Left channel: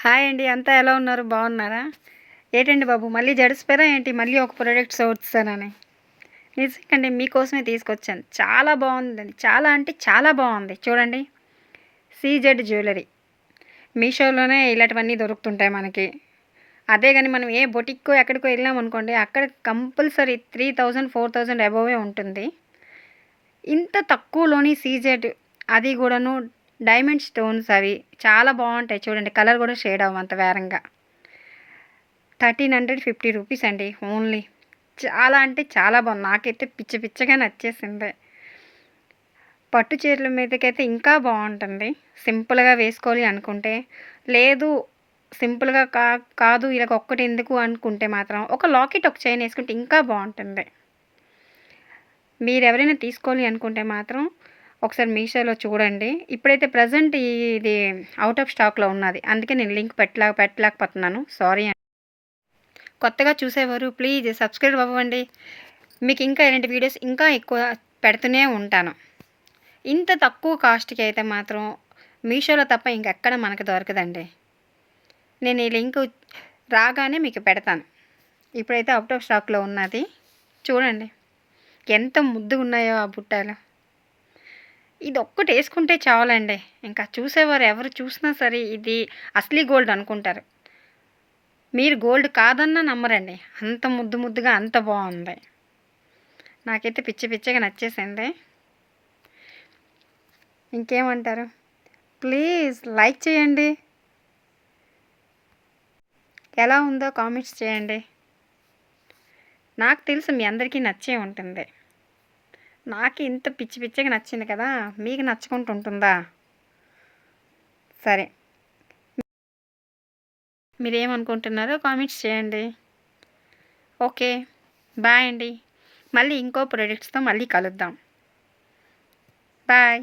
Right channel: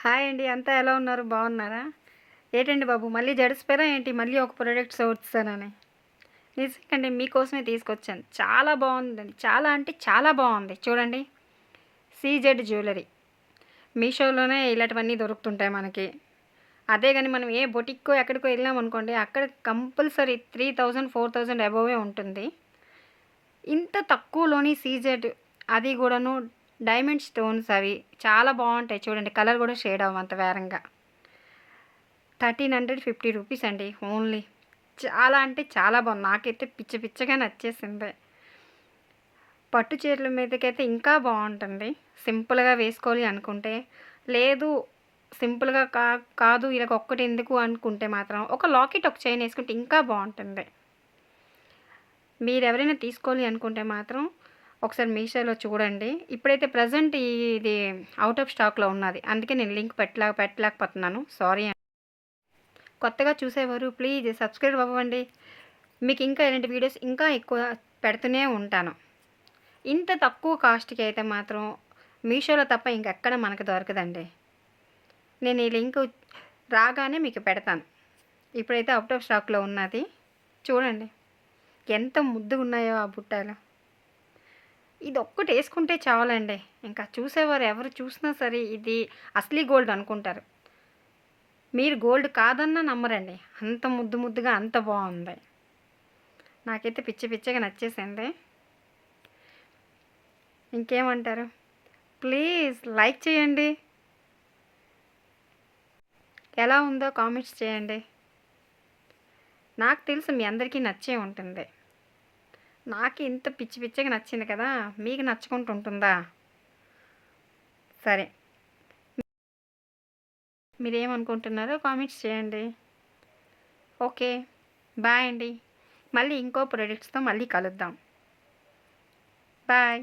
Hi అండి. అంతా ఎలా ఉన్నారు? బాగున్నారా? ఏటండి బాబు మళ్ళీ జడిసిపోయారా ఏంటి? మళ్ళీ ఒక ప్రోడక్ట్ చూస్తానని. నిజంగండి మీకోసమే తీసుకొచ్చాను. చాలా బాగుందండి. చాలా అంటే చాలా బాగుంది. చూడండి. CZ jewellery. మీషోలోనే ఇలాంటివన్నీ దొరుకుతుంటాయి మనకి. అదే గాని మనం ఏ బొటిక్కో ఎక్కడికో వెళ్ళామనుకోండి అక్కడ కంపల్సరీ 3000, 4000 అబోవే ఉంటుంది. ఇంత తక్కువలోని సీజెడ్ అది కూడాను డైమండ్ స్టోన్స్ అవి చాలా బాగుంటాయి. చూడండి కలర్ కూడా షేడ్ అవ్వంత వేరంగా. 1350 రూపీస్ అండి ఓన్లీ. చాలా అంటే చాలా బాగుంది. నాకైతే పిచ్చ పిచ్చగా నచ్చేసింది. పట్టు చీరల మీదకైతే ఇంకా బాగుంటుంది. సింపుల్గా వేసుకోవాలి అనుకుంటే, లేదు సింపుల్గా కాదు ఇలా ఒక్కటి ఎందుకు అనుకుంటే మాత్రం ఒక లాకెట్ ఒక చైన్ వేసుకుంటే ఇంకా బాగుంటుంది. మీరు ఎవరైనా తీసుకోవాలి అనుకుంటే మాత్రం ఒకసారి మీషోలో చూడండి. ఇప్పుడైతే ప్రజెంట్ ఇది అవుట్ ఆఫ్ స్టాక్లో ఉన్నది. అందుకే నేను లింక్ పెట్టలేకపోతున్నాను. సారీ. కొత్తగా చూసేవారు ప్లీజ్ సబ్స్క్రైబ్ అవ్వండి. మీకు ఇంకా ఇలాంటి వీడియోస్ ఇంకా ఎక్కువ పెడుతూనే ఉంటాను. ఇంత తక్కువ కాస్ట్కి అయితే మాత్రం మీషోలో తప్ప ఇంకెక్కడ మనకు దొరకదండి. నేను ఈ లింక్ రాగానే మీకు పెడతాను. ఇప్పుడైతే అవుట్ ఆఫ్ స్టాక్లో ఉన్నది. చూడండి ఎంత ముద్దుగా ఉన్నాయో ఆ బుట్టాలు. ఇది ఒక్కటి వేసుకుంటే చాలండి. ఇంకా చూసేవారు ఎవరు చూసినా సరే ఇది అసలీ గోల్డ్ అనుకుంటారు. మీరు గోల్డ్ కాదన్నా నమ్మరండి. అంత ముద్దు ముద్దుగా అంత బాగుంది. నాకైతే పిచ్చి పిచ్చిగా నచ్చేసింది. ఇంకేమంటారు? ప్లీజ్ లైక్ చేయండి. ఎలా ఉందో కామెంట్స్ చేయండి. నాకు తెలుసు మీ అందరికీ నచ్చే ఉంటుంది. నాకు ఇంత పిచ్చి పిచ్చిగా నచ్చింది కదా, మీకు నచ్చకుండా ఉంటుందా? సరే, మీరేమనుకుంటున్నారో కామెంట్స్ చేయండి. ఓకే, బాయ్ అండి. మళ్ళీ ఇంకో ప్రొడక్ట్స్తో మళ్ళీ కలుద్దాం. బాయ్.